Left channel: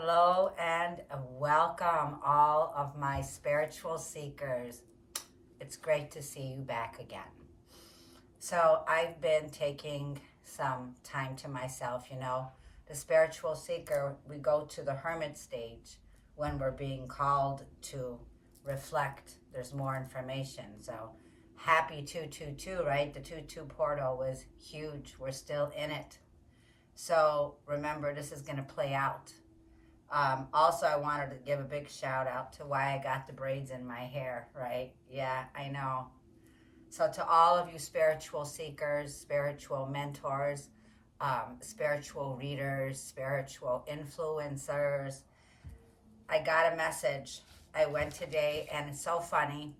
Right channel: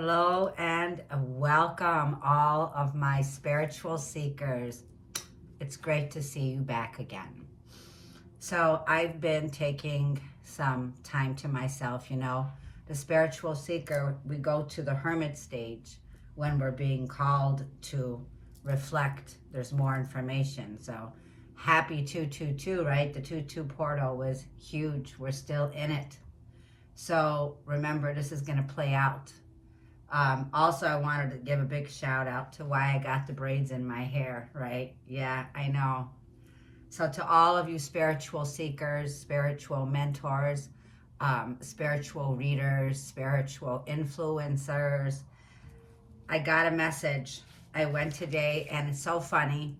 Hello and welcome all of my spiritual seekers. It's great to see you back again. So I've been taking some time to myself, the spiritual seeker, we go to the hermit stage when we're being called to reflect. There's more information. So happy 222, right? The 22 portal was huge. We're still in it. So remember, this is going to play out. Also, I wanted to give a big shout out to why I got the braids in my hair, right? Yeah, I know. So to all of you spiritual seekers, spiritual mentors, spiritual readers, spiritual influencers, I got a message. I went today, and it's so funny.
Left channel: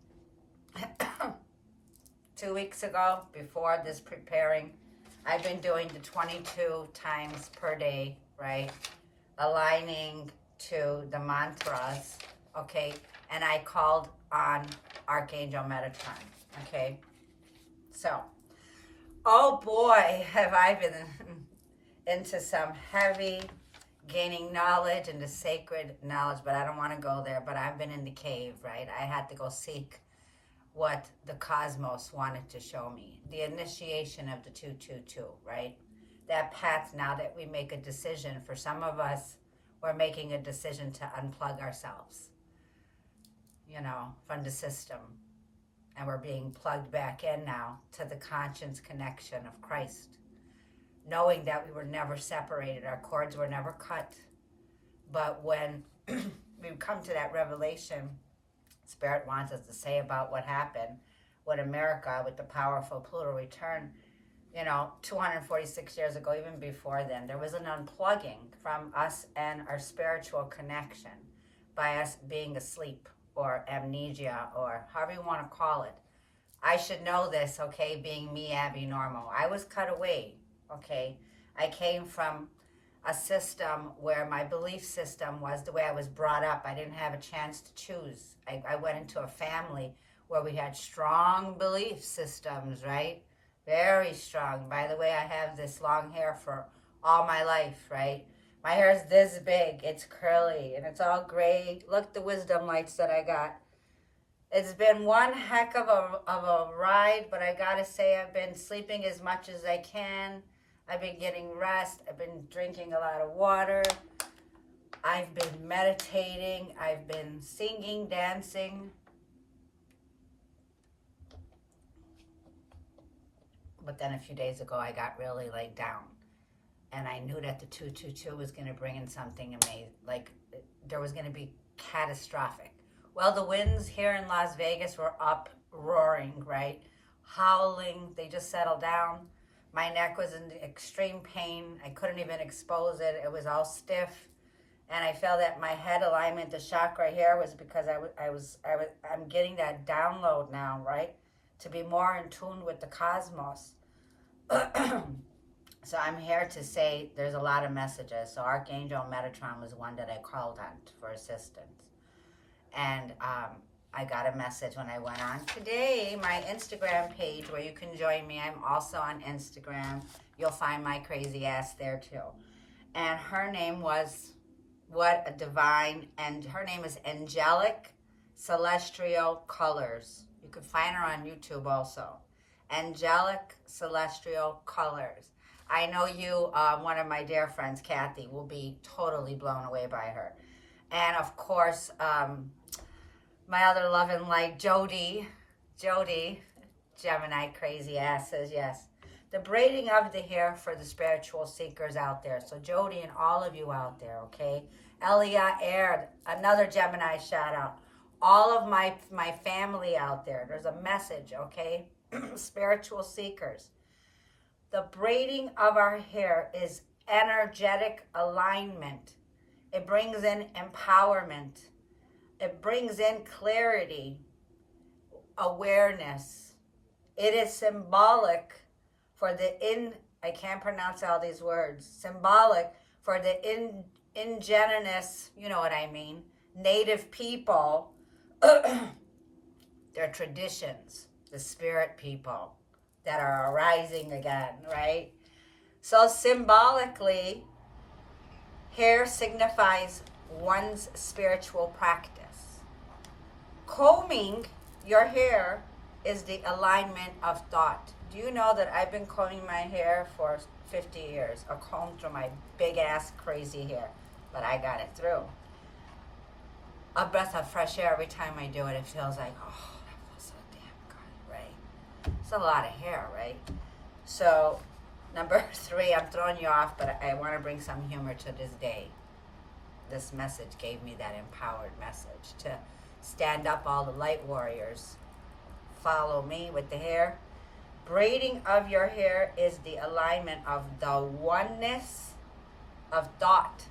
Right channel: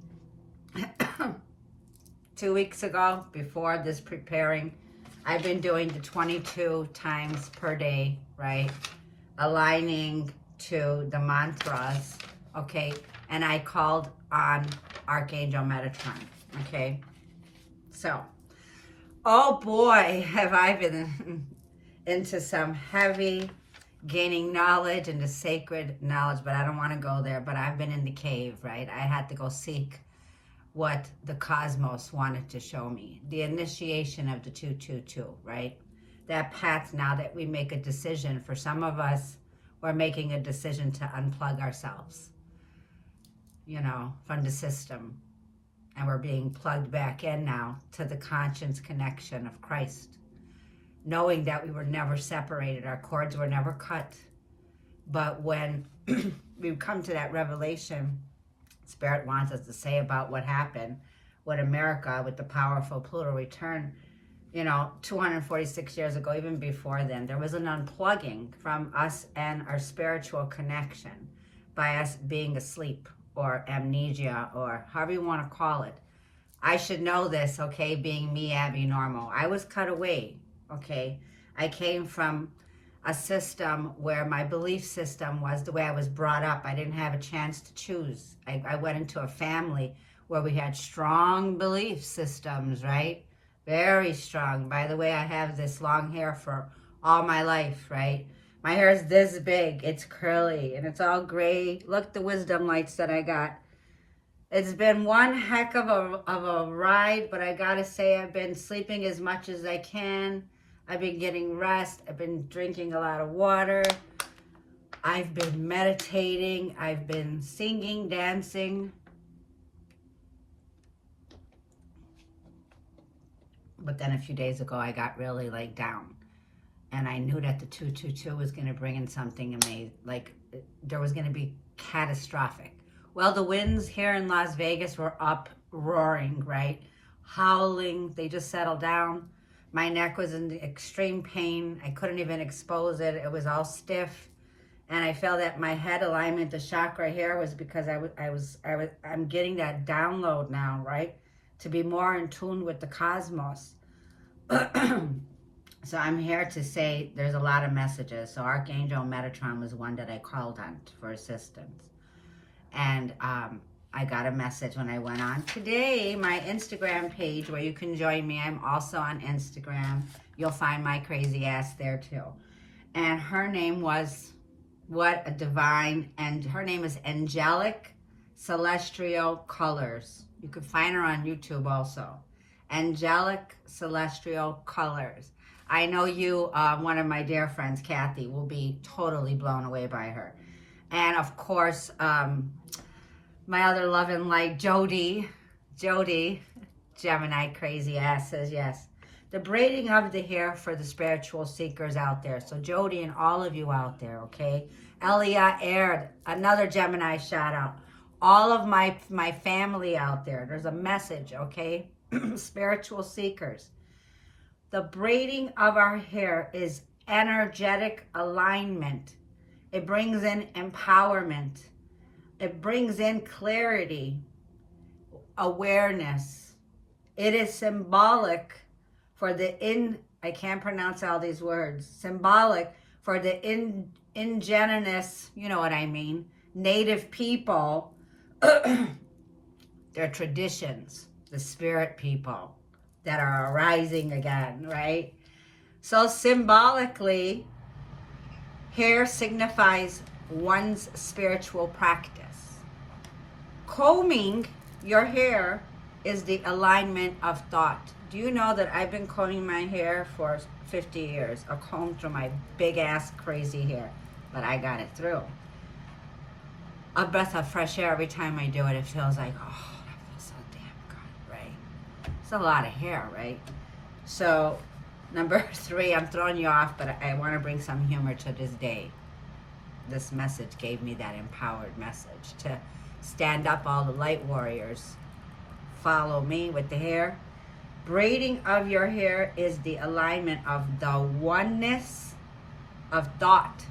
2 weeks ago, before this preparing, I've been doing the 22 times per day, right? Aligning to the mantras, okay? And I called on Archangel Metatron, okay? So, oh boy, have I been into some heavy gaining knowledge and the sacred knowledge, but I don't want to go there. But I've been in the cave, right? I had to go seek what the cosmos wanted to show me. The initiation of the 222, right? That path, now that we make a decision, for some of us, we're making a decision to unplug ourselves, from the system. And we're being plugged back in now to the conscience connection of Christ. Knowing that we were never separated, our cords were never cut. But when we come to that revelation, Spirit wants us to say about what happened with America, with the powerful Pluto return, 246 years ago, even before then, there was an unplugging from us and our spiritual connection by us being asleep or amnesia or however you want to call it. I should know this, okay, being me, Abby Normal. I was cut away, okay? I came from a system where my belief system was the way I was brought up. I didn't have a chance to choose. I went into a family where we had strong belief systems, right? Very strong. By the way, I have this long hair for all my life, right? My hair is this big. It's curly and it's all gray. Look, the wisdom lights that I got. It's been one heck of a ride, but I gotta say I've been sleeping as much as I can. I've been getting rest. I've been drinking a lot of water. I've been meditating. I've been singing, dancing. But then a few days ago, I got really laid down. And I knew that the 222 was going to bring in something amazing. Like, there was going to be catastrophic. Well, the winds here in Las Vegas were up, roaring, right? Howling. They just settled down. My neck was in extreme pain. I couldn't even expose it. It was all stiff. And I felt that my head alignment, the chakra here, was because I'm getting that download now, right? To be more in tune with the cosmos. So I'm here to say there's a lot of messages. So Archangel Metatron was one that I called on for assistance. And I got a message when I went on today, my Instagram page, where you can join me. I'm also on Instagram. You'll find my crazy ass there too. And her name was, what a divine, and her name is Angelic Celestial Colors. You can find her on YouTube also. Angelic Celestial Colors. I know you, one of my dear friends, Kathy, will be totally blown away by her. And of course, my other love and light, Jody, Gemini crazy ass, says yes. The braiding of the hair for the spiritual seekers out there. So Jody and all of you out there, okay? Elia Aird, another Gemini shout out. All of my family out there, there's a message, okay? Spiritual seekers. The braiding of our hair is energetic alignment. It brings in empowerment. It brings in clarity, awareness. It is symbolic for the I can't pronounce all these words, symbolic for the indigenous, you know what I mean, native people, their traditions, the spirit people that are arising again, right? So symbolically, Hair signifies one's spiritual practice. Combing your hair is the alignment of thought. Do you know that I've been combing my hair for 50 years? A comb through my big ass crazy hair, but I got it through. A breath of fresh air every time I do it. It feels like, oh, that feels so damn good, right? It's a lot of hair, right? So, number 3, I'm throwing you off, but I want to bring some humor to this day. This message gave me that empowered message to stand up, all the light warriors. Follow me with the hair. Braiding of your hair is the alignment of the oneness of thought.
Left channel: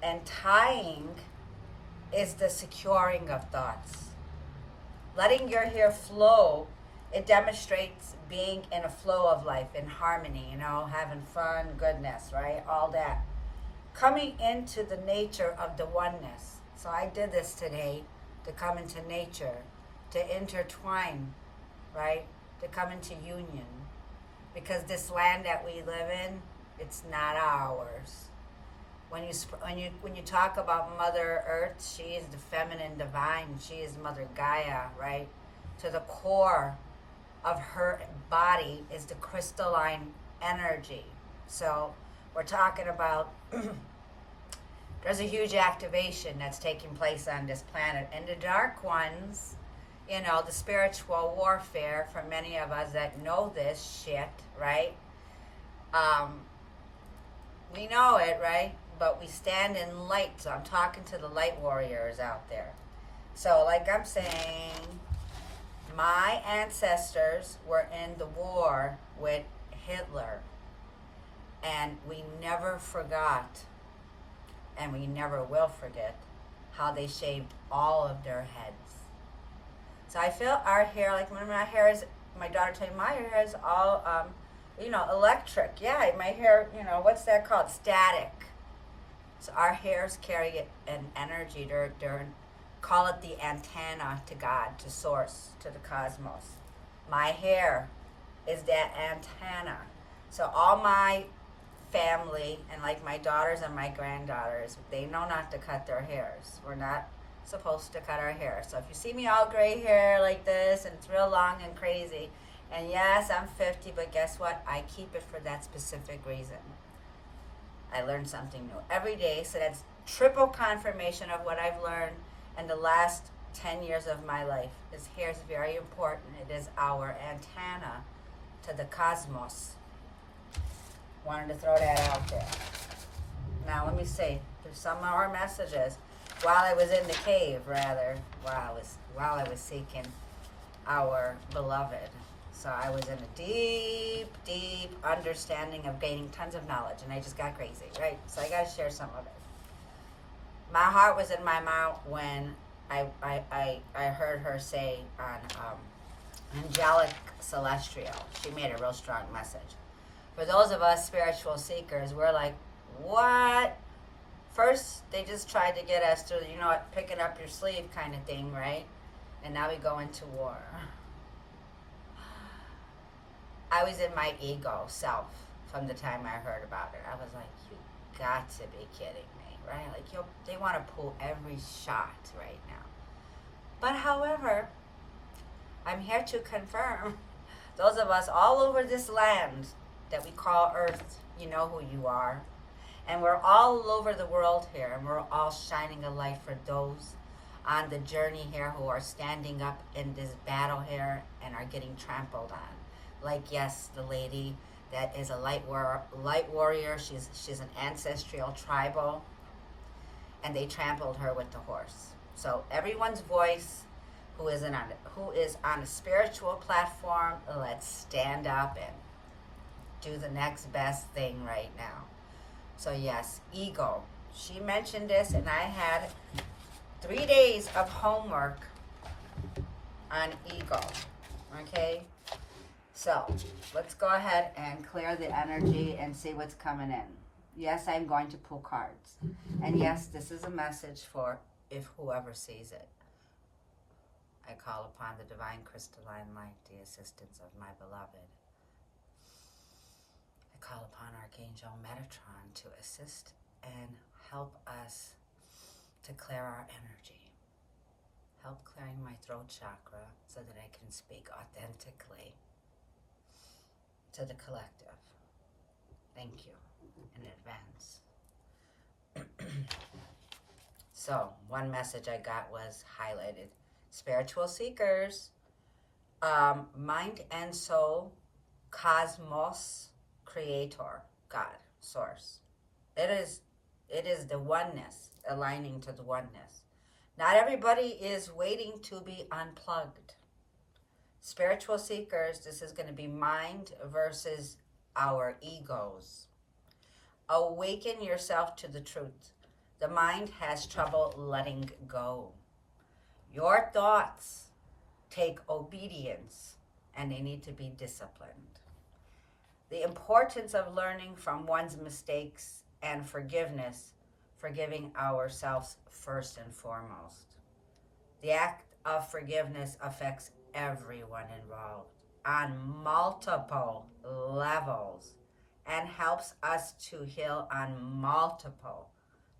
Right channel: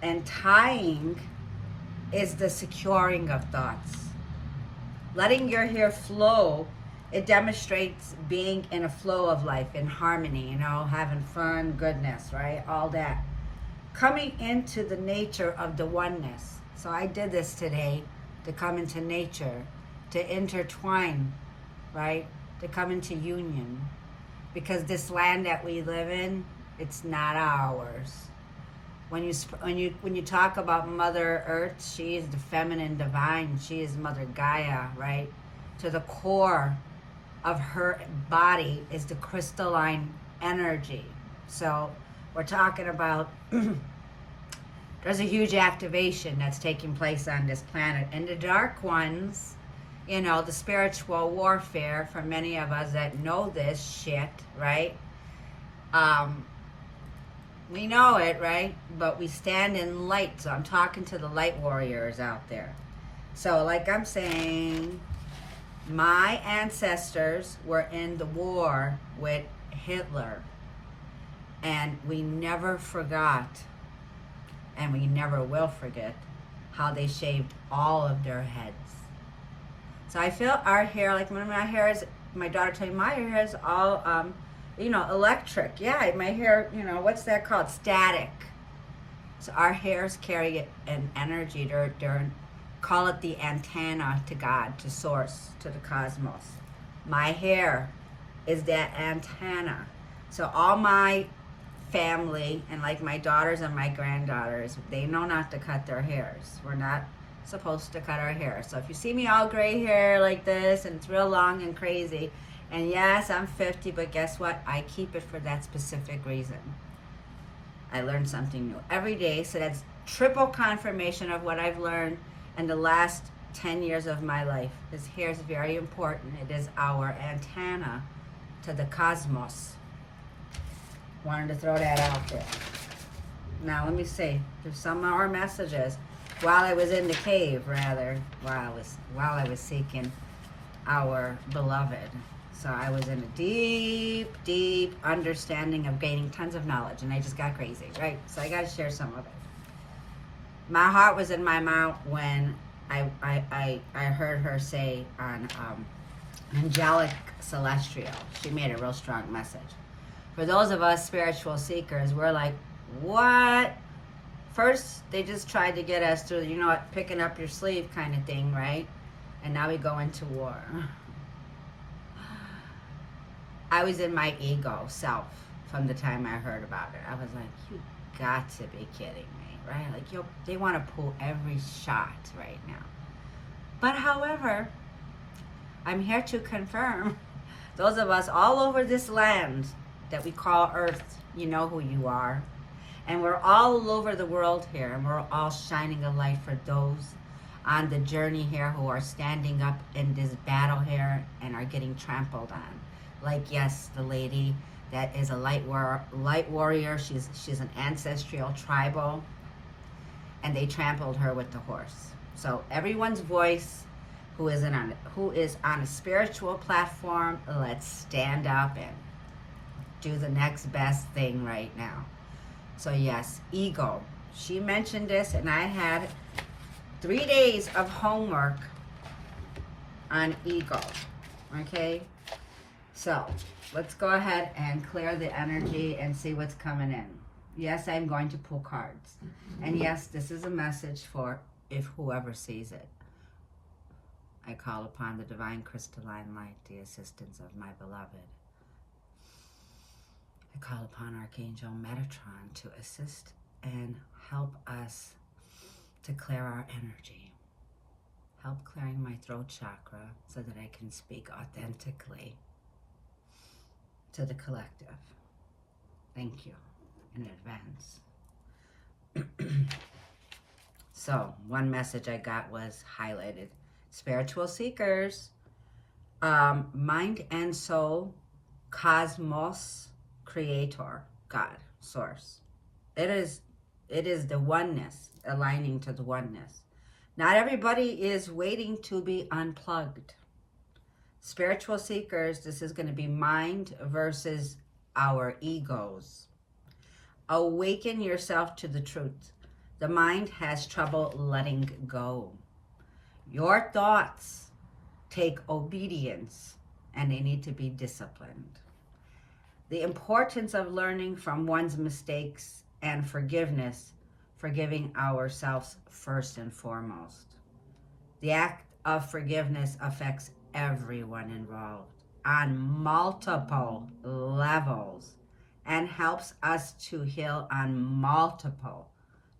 And tying is the securing of thoughts. Letting your hair flow, it demonstrates being in a flow of life, in harmony, you know, having fun, goodness, right? All that. Coming into the nature of the oneness. So I did this today to come into nature, to intertwine, right? To come into union. Because this land that we live in, it's not ours. When you talk about Mother Earth, she is the feminine divine. She is Mother Gaia, right? To the core of her body is the crystalline energy. So we're talking about there's a huge activation that's taking place on this planet. And the dark ones, you know, the spiritual warfare, for many of us that know this shit, right? We know it, right? But we stand in light. So I'm talking to the light warriors out there. So like I'm saying, my ancestors were in the war with Hitler. And we never forgot, and we never will forget, how they shaved all of their heads. So I feel our hair, like when my hair is, my daughter told me my hair is all, you know, electric. Yeah, my hair, you know, what's that called? Static. So our hairs carry an energy. They're call it the antenna to God, to source, to the cosmos. My hair is that antenna. So all my family, and like my daughters and my granddaughters, they know not to cut their hairs. We're not supposed to cut our hair. So if you see me all gray hair like this, and it's real long and crazy, and yes, I'm 50, but guess what? I keep it for that specific reason. I learn something new every day, so that's triple confirmation of what I've learned in the last 10 years of my life. This hair is very important. It is our antenna to the cosmos. Wanted to throw that out there. Now let me see. There's some more messages. While I was in the cave, rather, while I was seeking our beloved. So I was in a deep, deep understanding of gaining tons of knowledge, and I just got crazy, right? So I got to share some of it. My heart was in my mouth when I heard her say on Angelic Celestial. She made a real strong message. For those of us spiritual seekers, we're like, what? First, they just tried to get us through, you know what, picking up your sleeve kind of thing, right? And now we go into war. I was in my ego self from the time I heard about it. I was like, you got to be kidding me, right? Like, they want to pull every shot right now. But however, I'm here to confirm, those of us all over this land that we call Earth, you know who you are. And we're all over the world here, and we're all shining a light for those on the journey here who are standing up in this battle here and are getting trampled on. Like, yes, the lady that is a light warrior, she's an ancestral tribal, and they trampled her with the horse. So everyone's voice who is on a spiritual platform, let's stand up and do the next best thing right now. So yes, ego. She mentioned this, and I had 3 days of homework on ego. Okay? So let's go ahead and clear the energy and see what's coming in. Yes, I'm going to pull cards. And yes, this is a message for if whoever sees it. I call upon the divine crystalline light, the assistance of my beloved. I call upon Archangel Metatron to assist and help us to clear our energy. Help clearing my throat chakra so that I can speak authentically to the collective. Thank you in advance. So, one message I got was highlighted. Spiritual seekers, mind and soul, cosmos, creator, God, source. It is the oneness, aligning to the oneness. Not everybody is waiting to be unplugged. Spiritual seekers, this is going to be mind versus our egos. Awaken yourself to the truth. The mind has trouble letting go. Your thoughts take obedience and they need to be disciplined. The importance of learning from one's mistakes and forgiveness, forgiving ourselves first and foremost. The act of forgiveness affects everyone involved on multiple levels and helps us to heal on multiple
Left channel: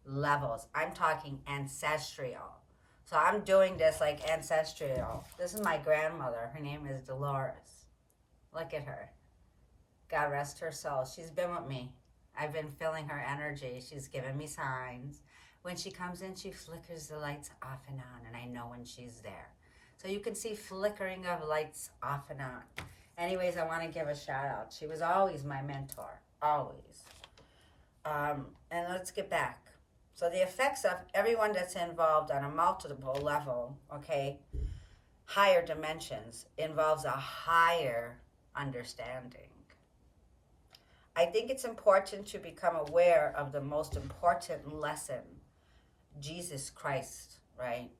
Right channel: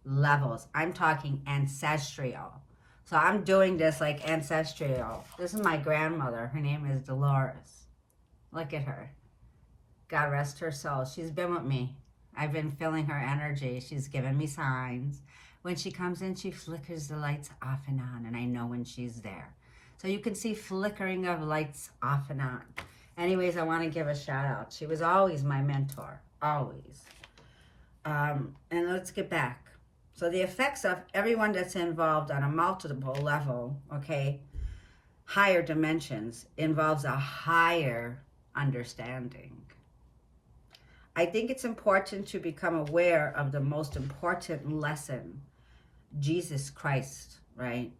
levels. I'm talking ancestral. So I'm doing this like ancestral. This is my grandmother. Her name is Dolores. Look at her. God rest her soul. She's been with me. I've been feeling her energy. She's given me signs. When she comes in, she flickers the lights off and on, and I know when she's there. So you can see flickering of lights off and on. Anyways, I want to give a shout out. She was always my mentor, always. And let's get back. So the effects of everyone that's involved on a multiple level, okay, higher dimensions, involves a higher understanding. I think it's important to become aware of the most important lesson, Jesus Christ, right?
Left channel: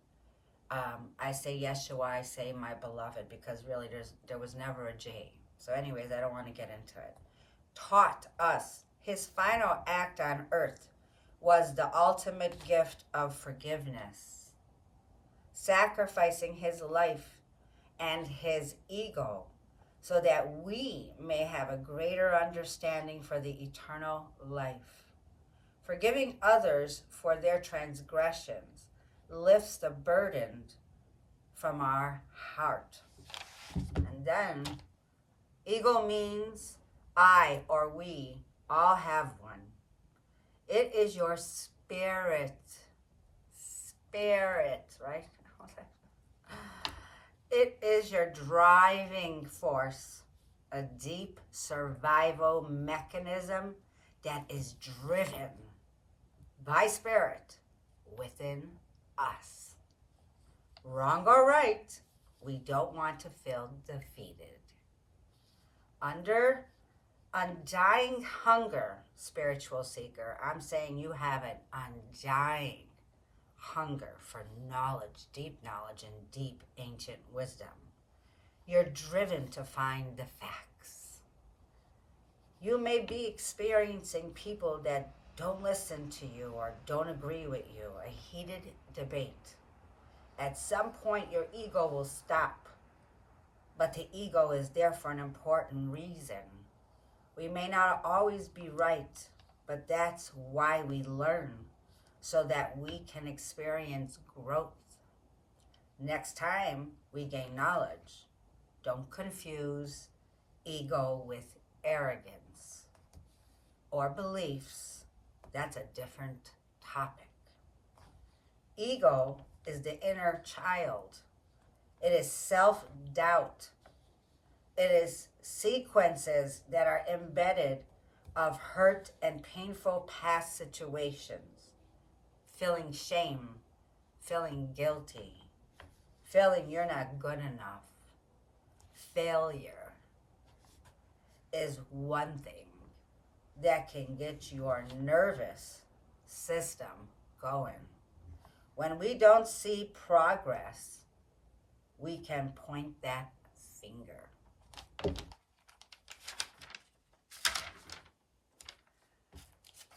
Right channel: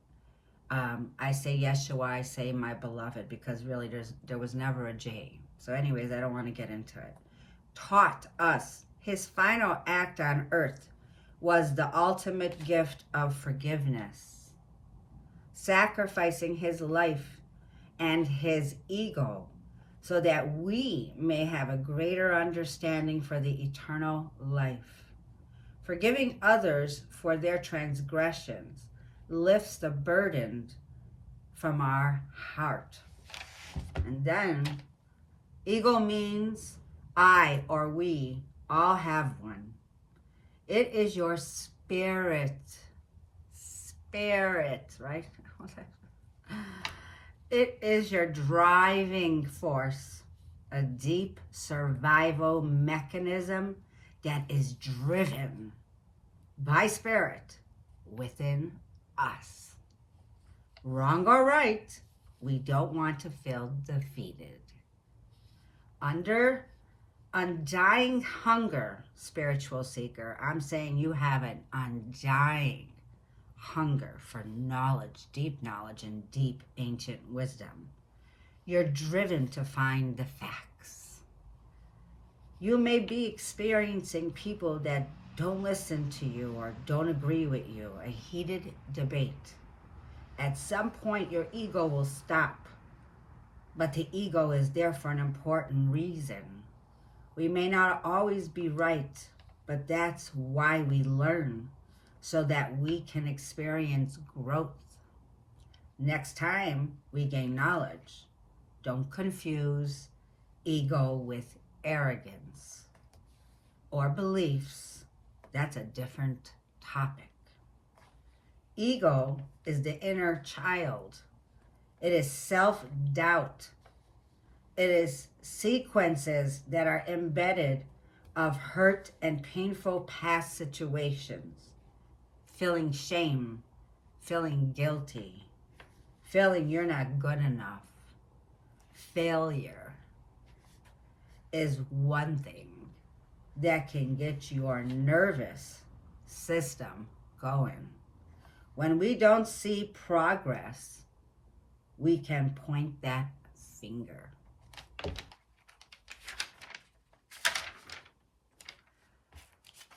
I say Yeshua, I say my beloved, because really there was never a J. So anyways, I don't want to get into it. Taught us his final act on earth was the ultimate gift of forgiveness, sacrificing his life and his ego so that we may have a greater understanding for the eternal life. Forgiving others for their transgressions lifts the burden from our heart. And then, ego means I or we all have one. It is your spirit, right? It is your driving force, a deep survival mechanism that is driven by spirit within us. Wrong or right, we don't want to feel defeated. Under undying hunger, spiritual seeker, I'm saying you have an undying hunger for knowledge, deep knowledge, and deep ancient wisdom. You're driven to find the facts. You may be experiencing people that don't listen to you or don't agree with you, a heated debate. At some point, your ego will stop, but the ego is there for an important reason. We may not always be right, but that's why we learn, so that we can experience growth. Next time we gain knowledge, don't confuse ego with arrogance or beliefs. That's a different topic. Ego is the inner child. It is self-doubt. It is sequences that are embedded of hurt and painful past situations. Feeling shame, feeling guilty, feeling you're not good enough. Failure is one thing that can get your nervous system going. When we don't see progress, we can point that finger.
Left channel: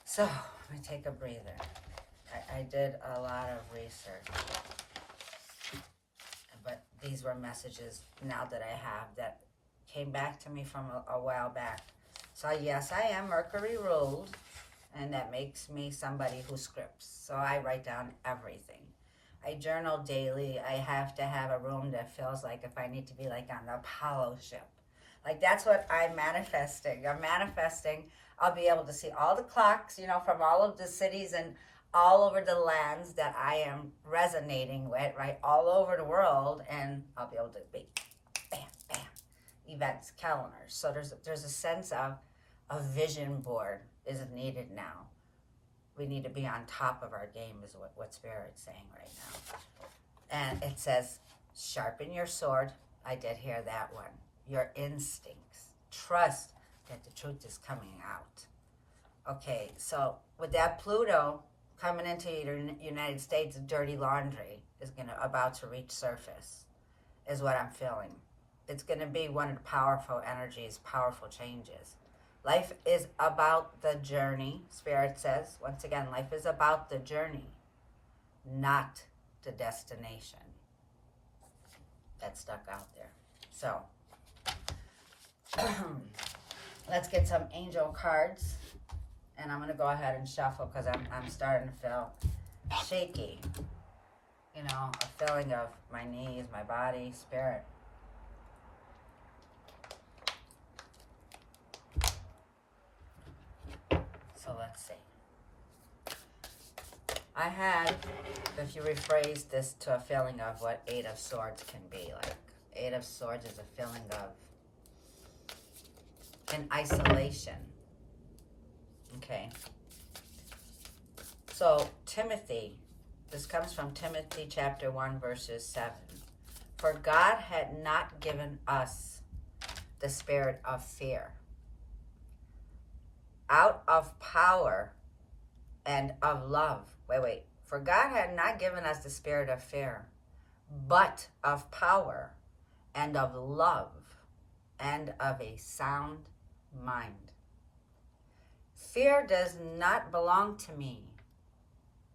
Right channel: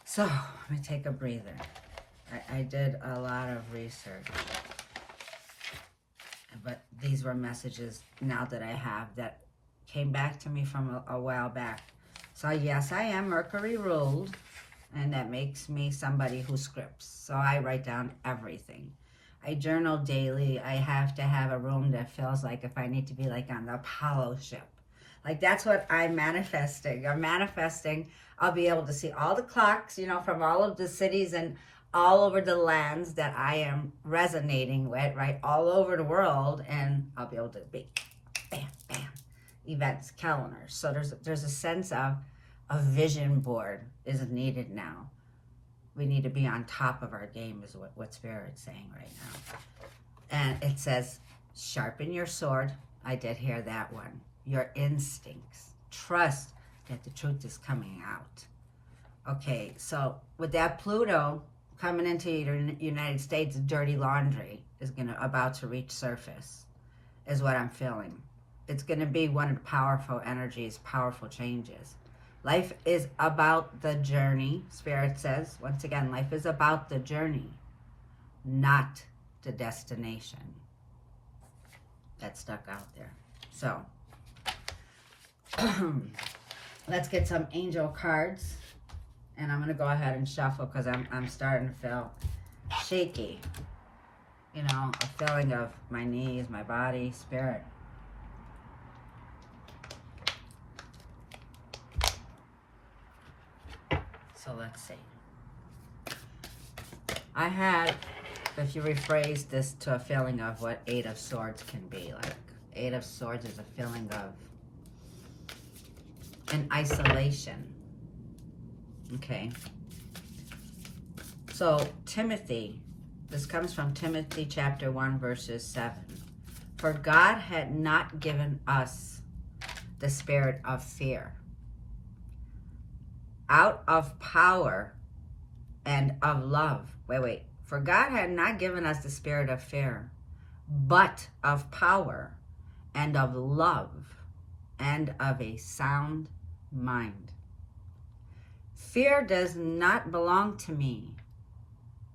So, let me take a breather. I did a lot of research, but these were messages now that I have that came back to me from a while back. So yes, I am Mercury ruled, and that makes me somebody who scripts. So I write down everything. I journal daily. I have to have a room that feels like if I need to be like on the Apollo ship. Like that's what I'm manifesting. I'm manifesting I'll be able to see all the clocks, you know, from all of the cities and all over the lands that I am resonating with, right? All over the world. And I'll be able to be bam, bam, events, calendars. So there's a sense of a vision board is needed now. We need to be on top of our game is what Spirit's saying right now. And it says, sharpen your sword. I did hear that one. Your instincts. Trust that the truth is coming out. Okay, so with that Pluto coming into the United States, dirty laundry is about to reach surface, is what I'm feeling. It's going to be one of the powerful energies, powerful changes. Life is about the journey, Spirit says. Once again, life is about the journey, not the destination. That stuck out there. So, let's get some angel cards. And I'm going to go ahead and shuffle because I'm starting to feel shaky. You know, a feeling of my knees, my body, spirit. So let's see. I had, if you rephrase this to a feeling of what Eight of Swords can be, like Eight of Swords is a feeling of an isolation. Okay. So Timothy, this comes from Timothy chapter 1 verses 7. For God had not given us the spirit of fear. Out of power and of love. Wait. For God had not given us the spirit of fear, but of power and of love and of a sound mind. Fear does not belong to me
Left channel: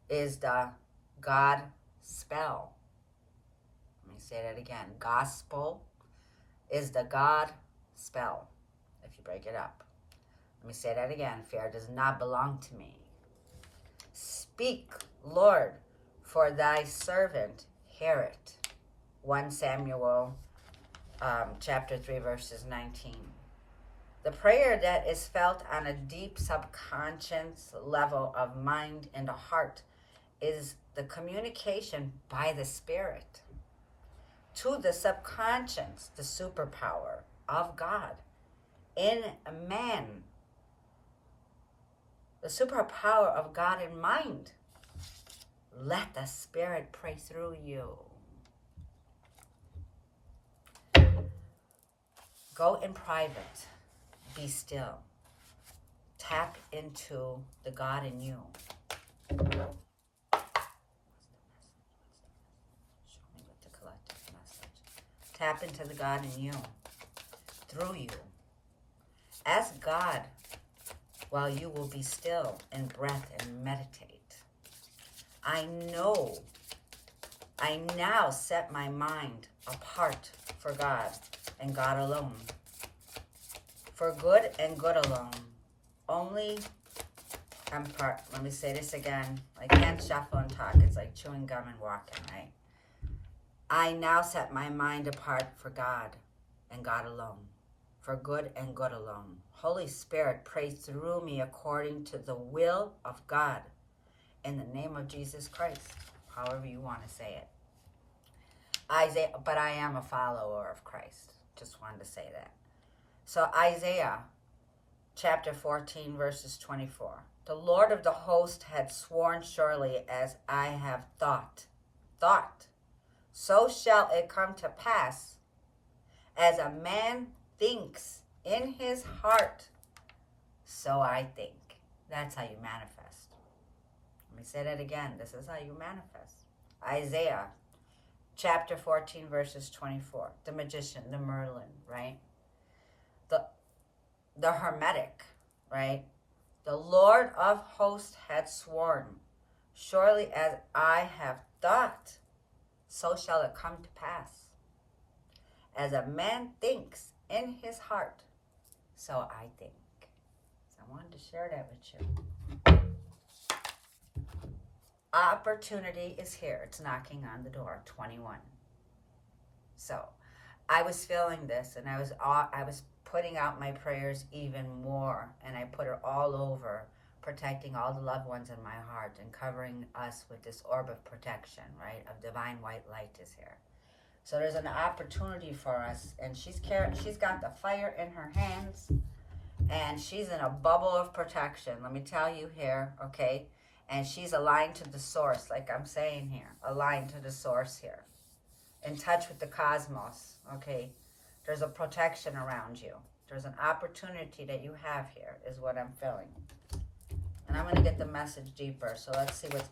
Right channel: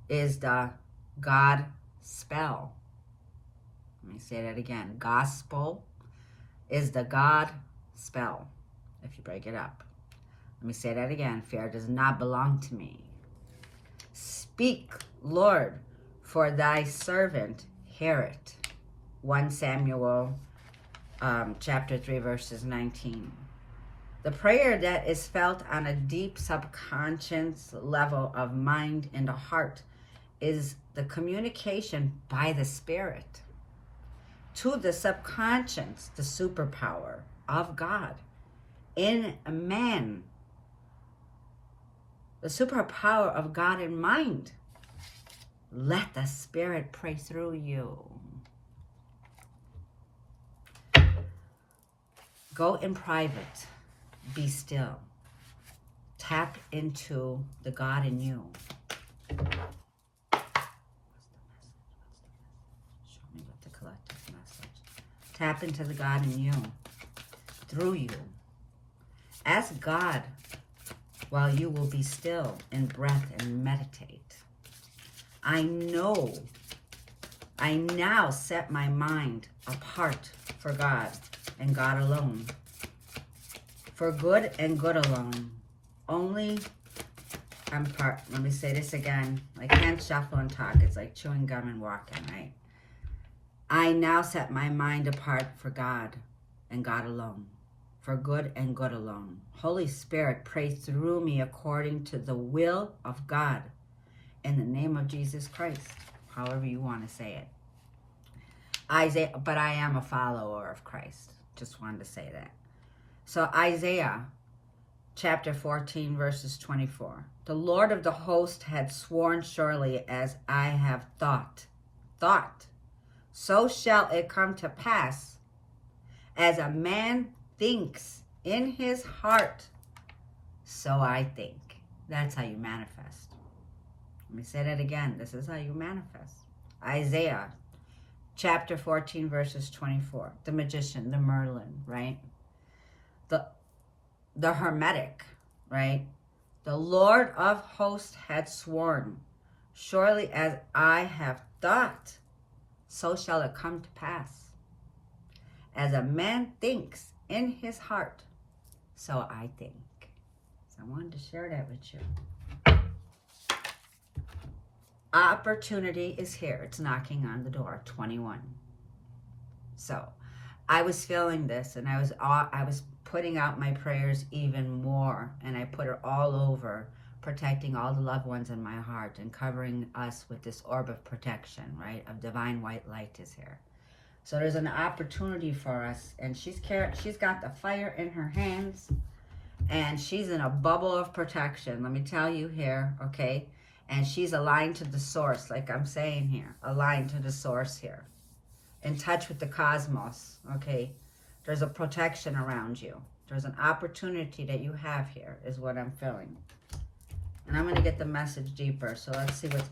is the God spell. Let me say that again. Gospel is the God spell, if you break it up. Let me say that again. Fear does not belong to me. Speak, Lord, for thy servant hear it. 1 Samuel chapter 3 verses 19. The prayer that is felt on a deep subconscious level of mind and the heart is the communication by the Spirit to the subconscious, the superpower of God in man. The superpower of God in mind. Let the Spirit pray through you. Go in private. Be still. Tap into the God in you. Show me what the collective message. Tap into the God in you. Through you. Ask God while you will be still in breath and meditate. I now set my mind apart for God and God alone. For good and good alone. Only, let me say this again. I can't shuffle and talk. It's like chewing gum and walking, right? I now set my mind apart for God and God alone. For good and good alone. Holy Spirit, pray through me according to the will of God. In the name of Jesus Christ. However you want to say it. Isaiah, but I am a follower of Christ. Just wanted to say that. So Isaiah chapter 14 verses 24. The Lord of the host had sworn surely as I have thought, so shall it come to pass. As a man thinks in his heart, so I think. That's how you manifest. Let me say that again. This is how you manifest. Isaiah chapter 14 verses 24. The magician, the Merlin, right? The hermetic, right? The Lord of hosts had sworn, surely as I have thought, so shall it come to pass. As a man thinks in his heart, so I think. I wanted to share that with you. Opportunity is here. It's knocking on the door. 21. So I was feeling this, and I was putting out my prayers even more, and I put it all over, protecting all the loved ones in my heart and covering us with this orb of protection, right? Of divine white light is here. So there's an opportunity for us, and she's got the fire in her hands, and she's in a bubble of protection. Let me tell you here, okay? And she's aligned to the source, like I'm saying here, aligned to the source here, in touch with the cosmos, okay? There's a protection around you. There's an opportunity that you have here, is what I'm feeling. And I'm going to get the message deeper. So let's see what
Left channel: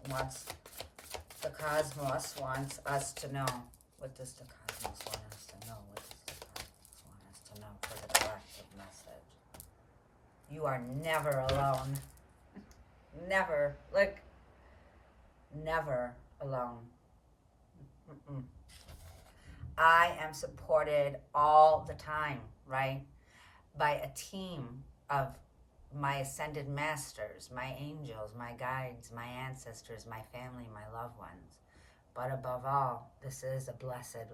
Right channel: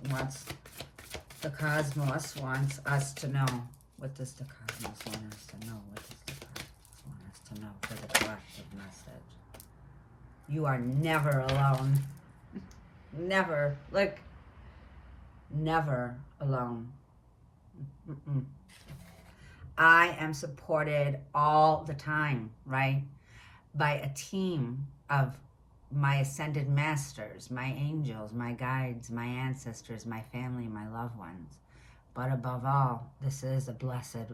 the cosmos wants us to know. What does the cosmos want us to know? What does the cosmos want us to know for the collective message? You are never alone. Never. Look. Never alone. I am supported all the time, right? By a team of my ascended masters, my angels, my guides, my ancestors, my family, my loved ones. But above all, this is a blessed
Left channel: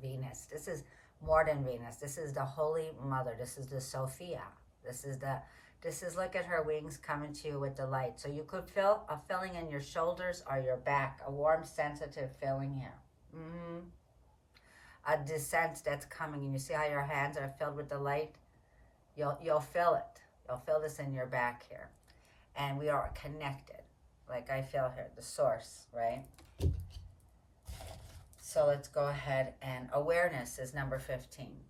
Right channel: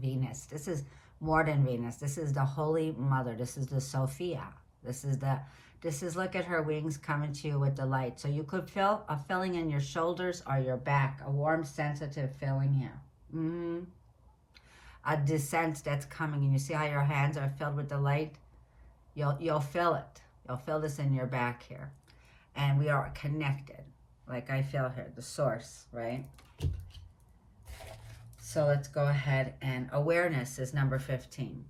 Venus. This is more than Venus. This is the Holy Mother. This is the Sophia. This is, look at her wings coming to you with the light. So you could feel a filling in your shoulders or your back, a warm, sensitive feeling here. A descent that's coming, and you see how your hands are filled with the light? You'll feel it. You'll feel this in your back here. And we are connected, like I feel here, the source, right? So let's go ahead, and awareness is number 15.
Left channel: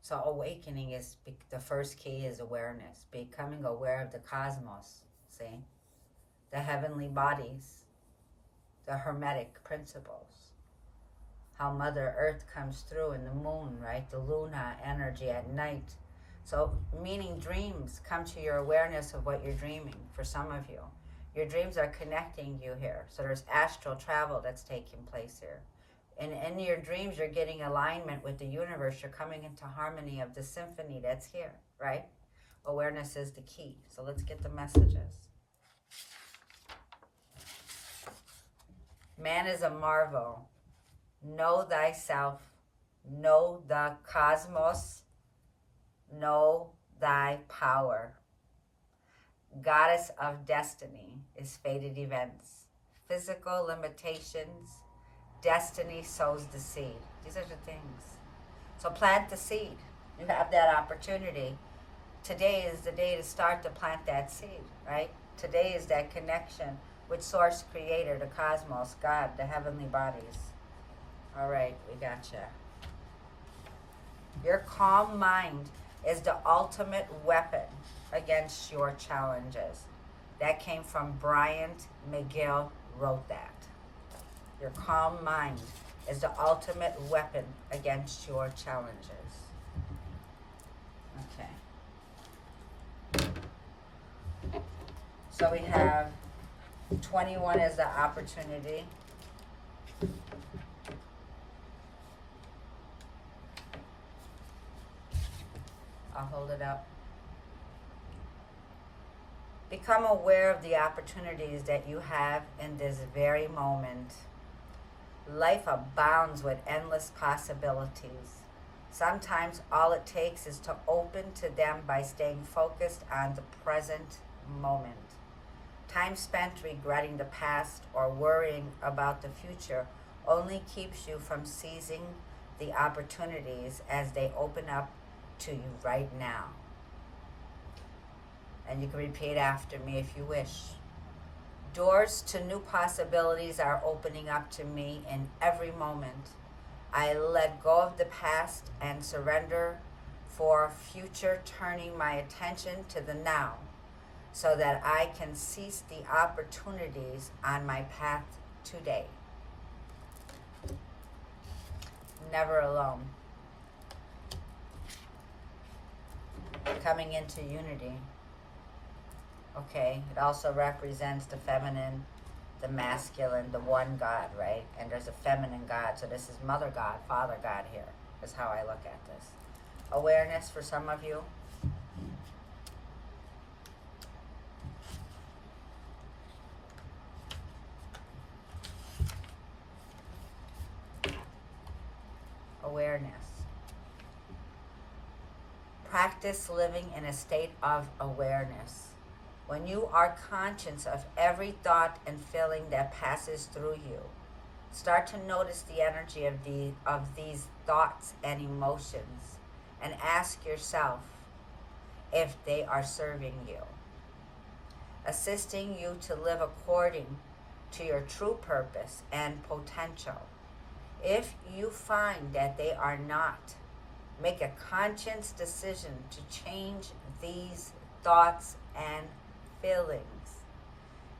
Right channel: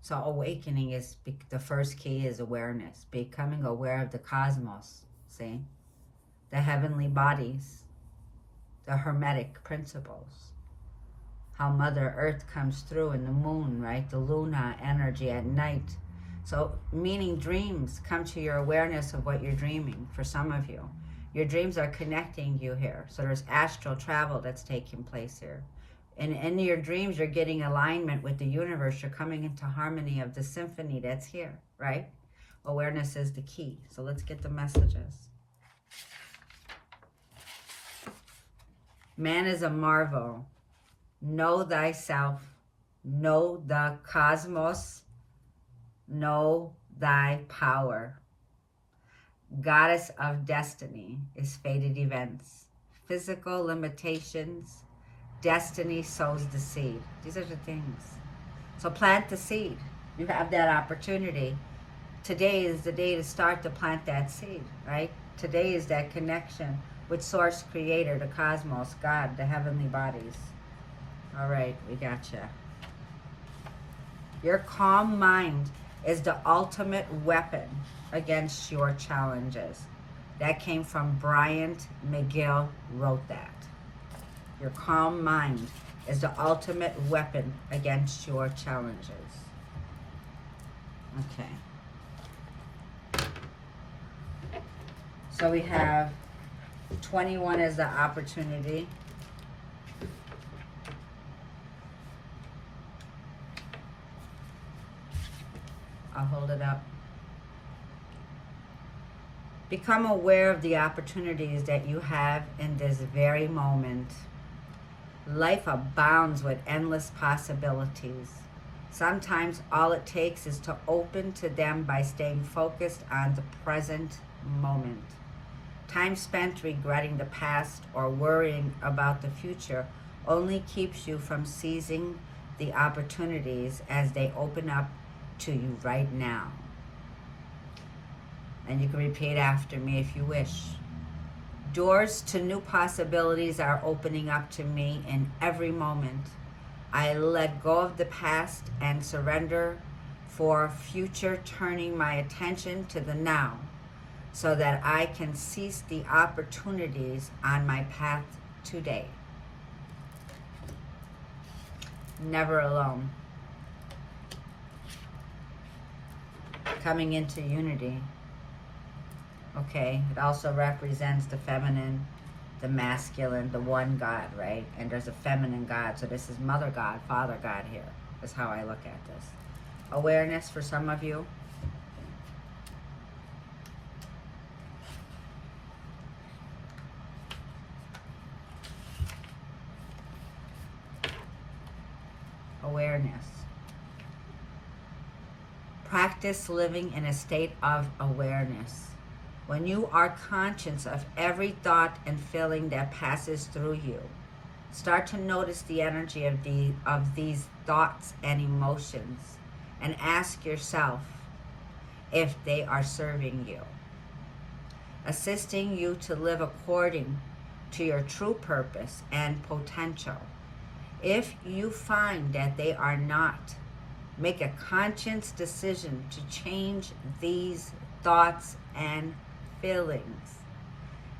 So awakening is, the first key is awareness, becoming aware of the cosmos, see? The heavenly bodies, the hermetic principles, how Mother Earth comes through in the moon, right? The Luna energy at night. So meaning dreams come to your awareness of what you're dreaming for some of you. Your dreams are connecting you here. So there's astral travel that's taking place here. And in your dreams, you're getting alignment with the universe. You're coming into harmony of the symphony that's here, right? Awareness is the key. So let's get the messages. Man is a marvel. Know thyself. Know the cosmos. Know thy power. Goddess of destiny is fated events. Physical limitations. Destiny sows the seed. These are the things. So plant the seed. You have that opportunity. Today is the day to start to plant that seed, right? Today is that connection with Source Creator, the cosmos, God, the heavenly bodies. All right, we gotcha. Your calm mind is the ultimate weapon against your challenges. That came from Bryant McGill, wrote that. Your calm mind is the ultimate weapon against your challenges. Okay. So we have 21 as the opportunity. I'll hold it up. Become aware of the opportunities that you have in this very moment. Life abounds with endless possibilities. Sometimes all it takes is to open to them by staying focused on the present moment. Time spent regretting the past or worrying about the future only keeps you from seizing the opportunities as they open up to you right now. And you can repeat after me if you wish. Doors to new possibilities are opening up to me in every moment. I let go of the past and surrender for future, turning my attention to the now so that I can seize the opportunities on my path today. Never alone. Coming into unity. Okay, it also represents the feminine, the masculine, the one God, right? And there's a feminine God. So this is Mother God, Father God here, is how I look at this. Awareness for some of you. awareness. Practice living in a state of awareness. When you are conscious of every thought and feeling that passes through you, start to notice the energy of these thoughts and emotions and ask yourself if they are serving you, assisting you to live according to your true purpose and potential. If you find that they are not, make a conscious decision to change these thoughts and feelings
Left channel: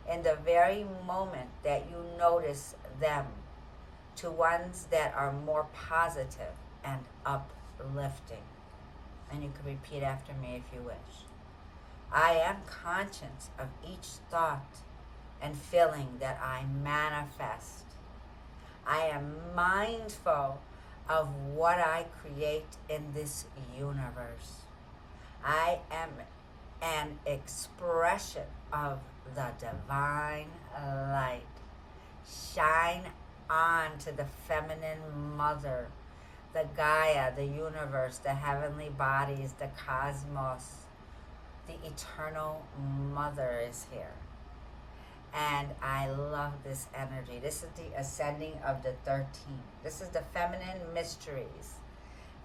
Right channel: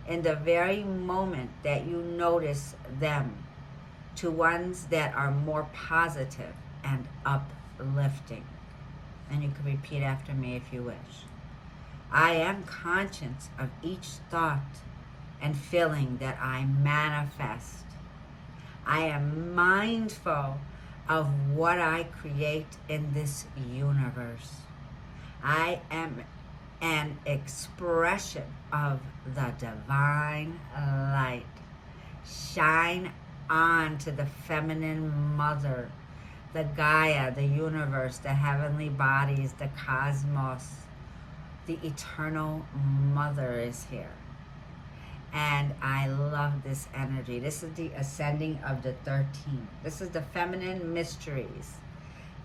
in the very moment that you notice them to ones that are more positive and uplifting. And you can repeat after me if you wish. I am conscious of each thought and feeling that I manifest. I am mindful of what I create in this universe. I am an expression of the divine light. Shine on to the feminine mother, the Gaia, the universe, the heavenly bodies, the cosmos. The eternal mother is here. And I love this energy. This is the ascending of the 13. This is the feminine mysteries.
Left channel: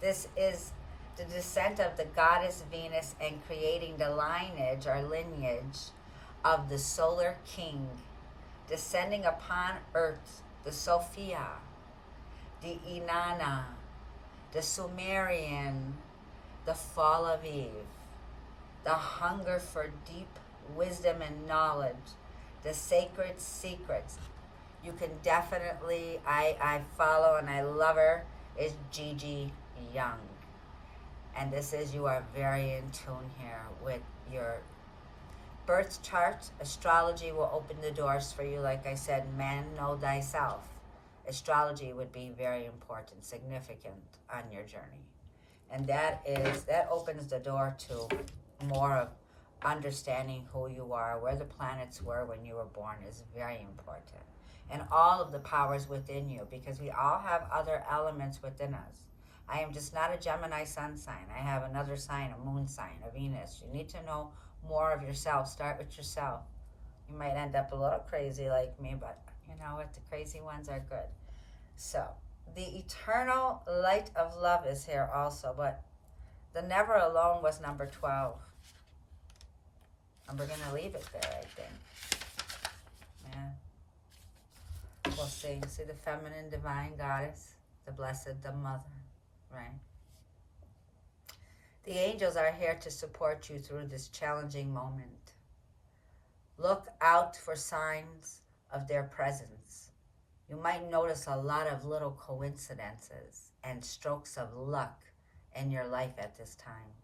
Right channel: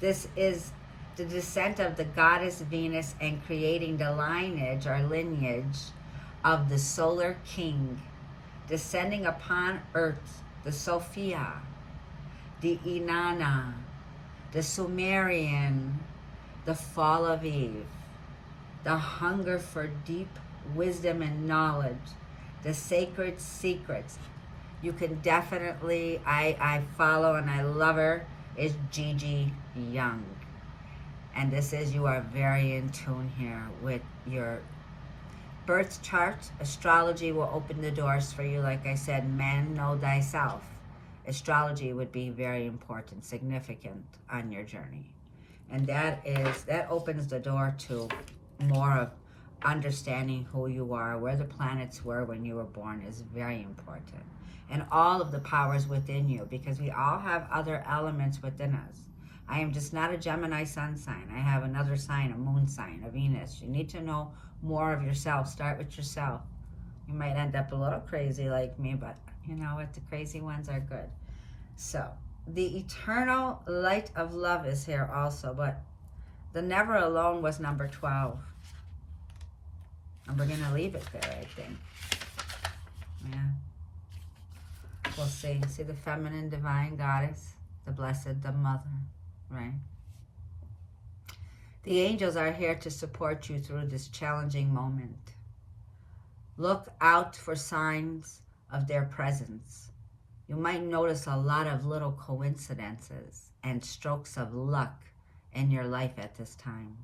This is the descent of the goddess Venus and creating the lineage or lineage of the solar king, descending upon earth, the Sophia, the Inanna, the Sumerian, the fall of Eve, the hunger for deep wisdom and knowledge, the sacred secrets. You can definitely, I follow and I love her, is Gigi Young. And this is, you are very in tune here with your birth chart. Astrology will open the doors for you. Like I said, man, know thyself. Astrology would be very important, significant on your journey. And that opens the door to more of understanding who you are, where the planets were when you were born is very important. And all of the powers within you, because we all have other elements within us. I am just not a Gemini sun sign. I have another sign, a moon sign, a Venus. You need to know more of yourself. Start with yourself. You might end up a little crazy like me, but you know what? The crazy ones are good. So, the eternal light of love is here also, but the never alone was number 12. And we're going to leave it there, I think. Yeah. We'll see. See the feminine divine goddess, the blessed, the mother, right? The angels are here to support you through this challenging moment. Look out for signs of their presence. You might notice a lot of little coincidences and strokes of luck in your life at this time.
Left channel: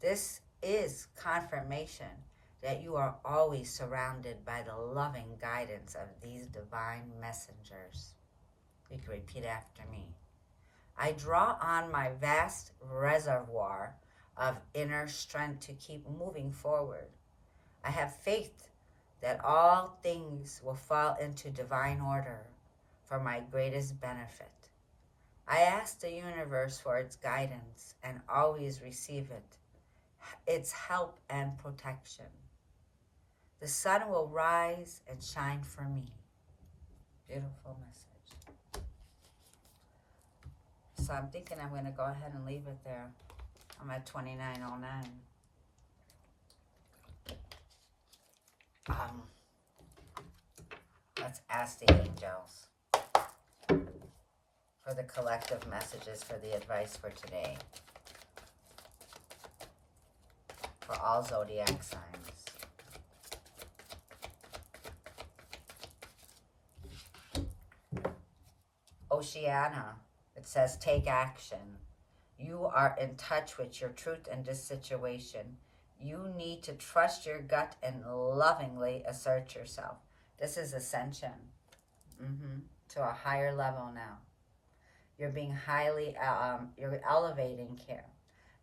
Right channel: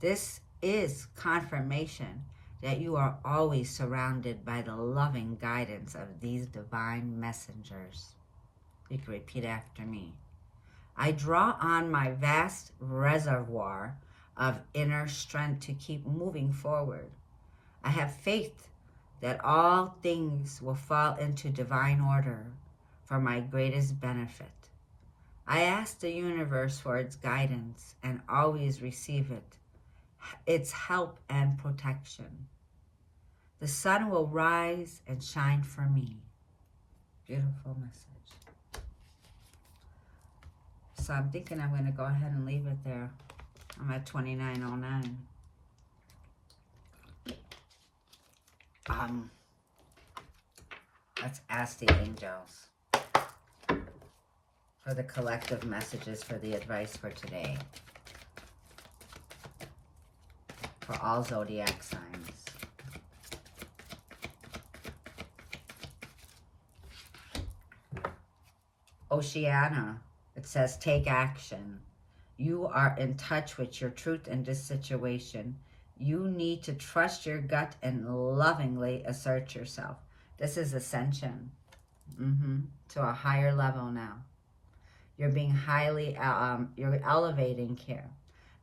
This is confirmation that you are always surrounded by the loving guidance of these divine messengers. You can repeat after me. I draw on my vast reservoir of inner strength to keep moving forward. I have faith that all things will fall into divine order for my greatest benefit. I ask the universe for its guidance and always receive it, its help and protection. The sun will rise and shine for me. Beautiful message. So I'm thinking I'm going to go ahead and leave it there. I'm at 2909. Let's ask the angels for the collective messages for the advice for today. For all zodiac signs. Oceana, it says, take action. You are in touch with your truth in this situation. You need to trust your gut and lovingly assert yourself. This is ascension to a higher level now. You're being highly, you're elevating here.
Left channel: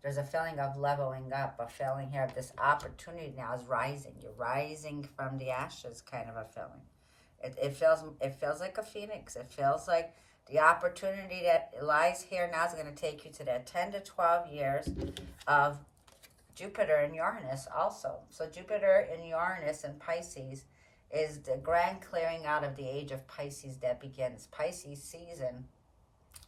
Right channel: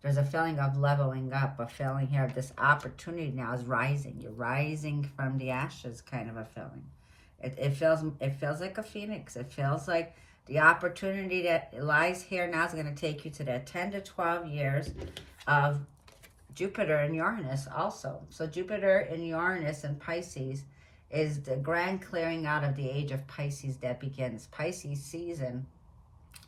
There's a feeling of leveling up, a feeling here of this opportunity now is rising. You're rising from the ashes, kind of a feeling. It feels like a phoenix. It feels like The opportunity that lies here now is going to take you to that 10 to 12 years of Jupiter and Uranus also. So Jupiter and Uranus and Pisces is the grand clearing out of the age of Pisces that begins. Pisces season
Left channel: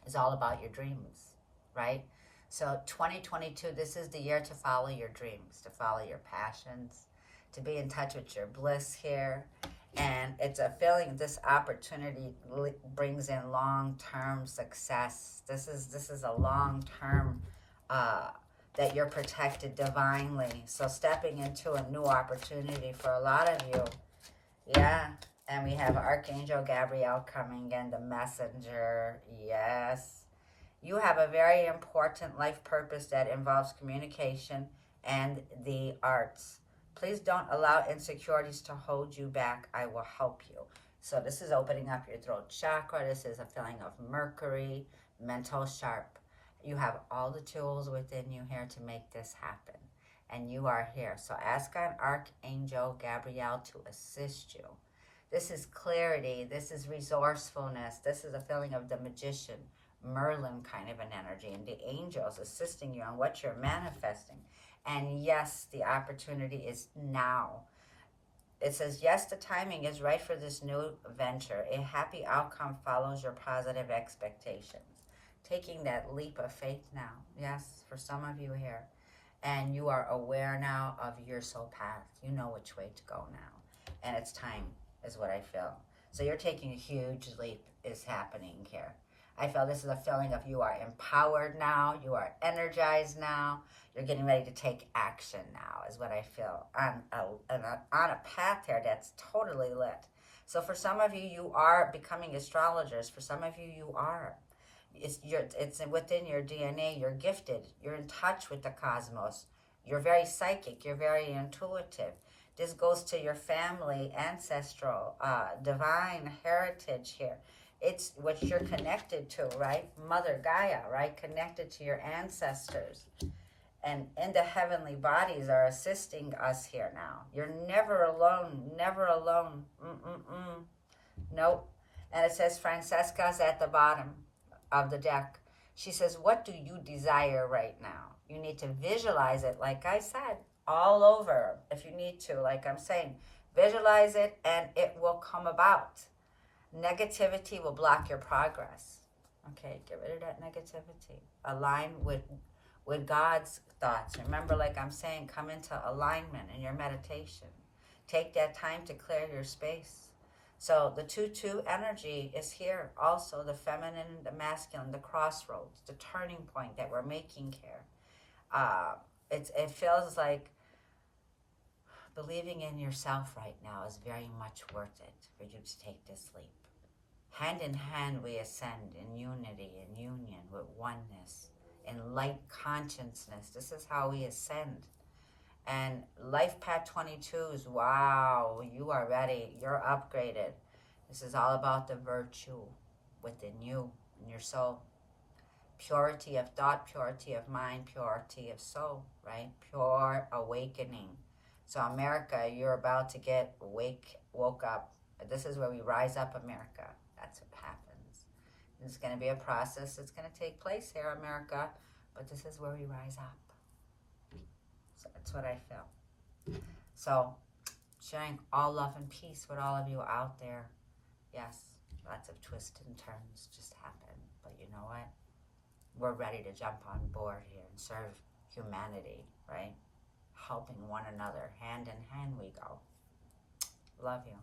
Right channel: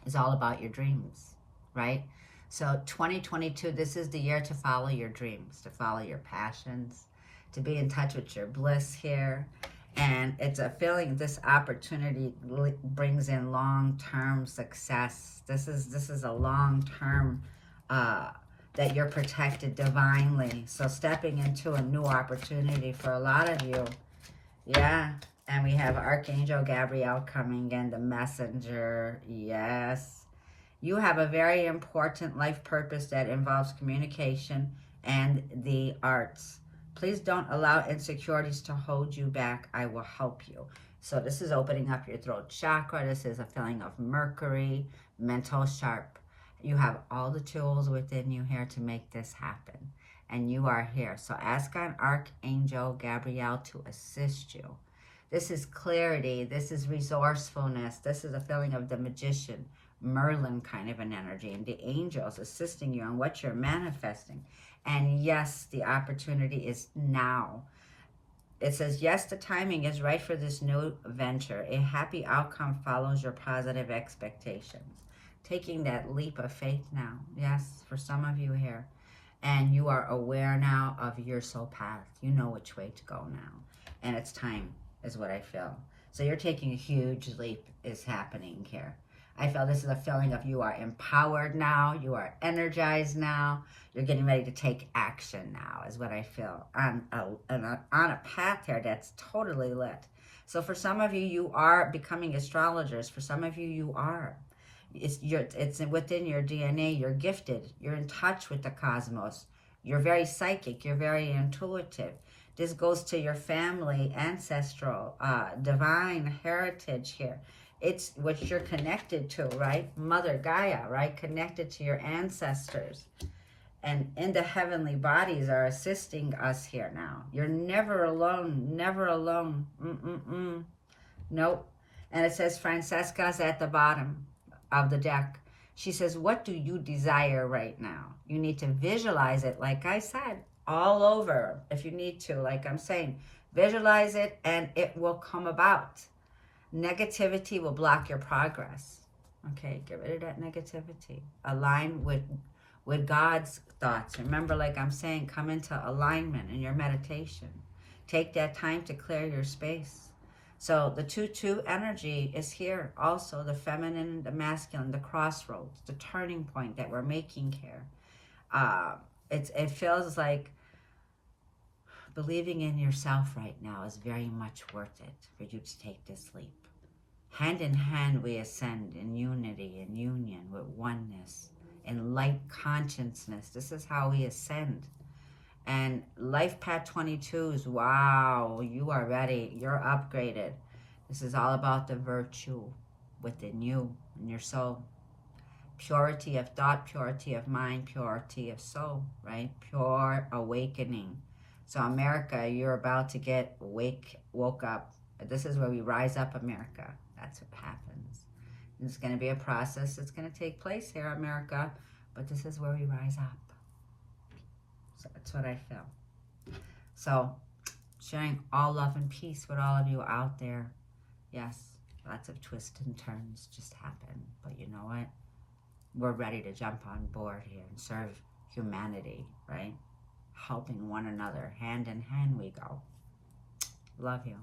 is all about your dreams, right? So 2022, this is the year to follow your dreams, to follow your passions, to be in touch with your bliss here. And it's a feeling, this opportunity brings in long-term success. This is a long-term that you're protected divinely. So stepping into a new opportunity for a lot of you. Yeah. And we have Archangel Gabrielle coming in, the messenger. Yes. You have a very important life purpose that involves communication and the arts. Please don't allow insecurities to hold you back. I will help you. So this is opening up your throat chakra. This is a feeling of Mercury, mental sharp. You have all the tools within you here to make this happen. And you are here. So ask on Archangel Gabrielle to assist you. This is clarity. This is resourcefulness. This is a feeling of the magician, Merlin kind of an energy, and the angels assisting you on what you're manifesting. And yes, the opportunity is now. It says, yes, the timing is right for this new venture. A happy outcome follows your positive expectations. Taking that leap of faith now. Yes, for some of you here. And you are aware now of your soul path. You know which way to go now. And it's time, is what I feel. So you're taking a huge leap is happening here. I feel this is a feeling of you are empowered now. You are energized now. You're getting ready to take action now, is what I feel. On a path here that's totally lit. So for some of you, you are becoming astrologers. For some of you, you are. It's within your DNA. You're gifted. You're in touch with the cosmos. You're very psychic. You're very intuitive. This goes to your family, ancestral, divine heritage here. It's what you're connected to, right? Mother Gaia, right? Connected to your ancestors. And in the heavenly bodies are assisting us here now. You're never alone. Never alone. Nope. And it says Francesca's at the bottom of the deck. She says, what do you desire right now? You need to visualize it, like I said, all over. If you need to, like I'm saying, visualize it and it will come about. Negativity will block your progress. Okay, get rid of that negativity. Align with God's thoughts. Remember, like I'm saying, come into alignment in your meditation. Take that time to clear your space. So the 2-2 energy is here. Also, the feminine, the masculine, the crossroads, the turning point that we're making here. It feels like believing in yourself right now is very much worth it for you to take this leap. Hand in hand, we ascend in unity and union with oneness and light consciousness. This is how we ascend. And Life Path 22 is, wow, you are ready. You're upgraded. This is all about the virtue within you and your soul. Purity of thought, purity of mind, purity of soul, right? Pure awakening. So America, you're about to get woke up. This is where we rise up, America. That's what happens. It's going to be a process that's going to take place here, America. But this is where we rise up. So that's what I feel. So sharing all love and peace with all of you out there. Yes, lots of twists and turns just happen. But you know what? We're ready to jump on board here and serve humanity, right? Helping one another. Hand in hand we go. Love you.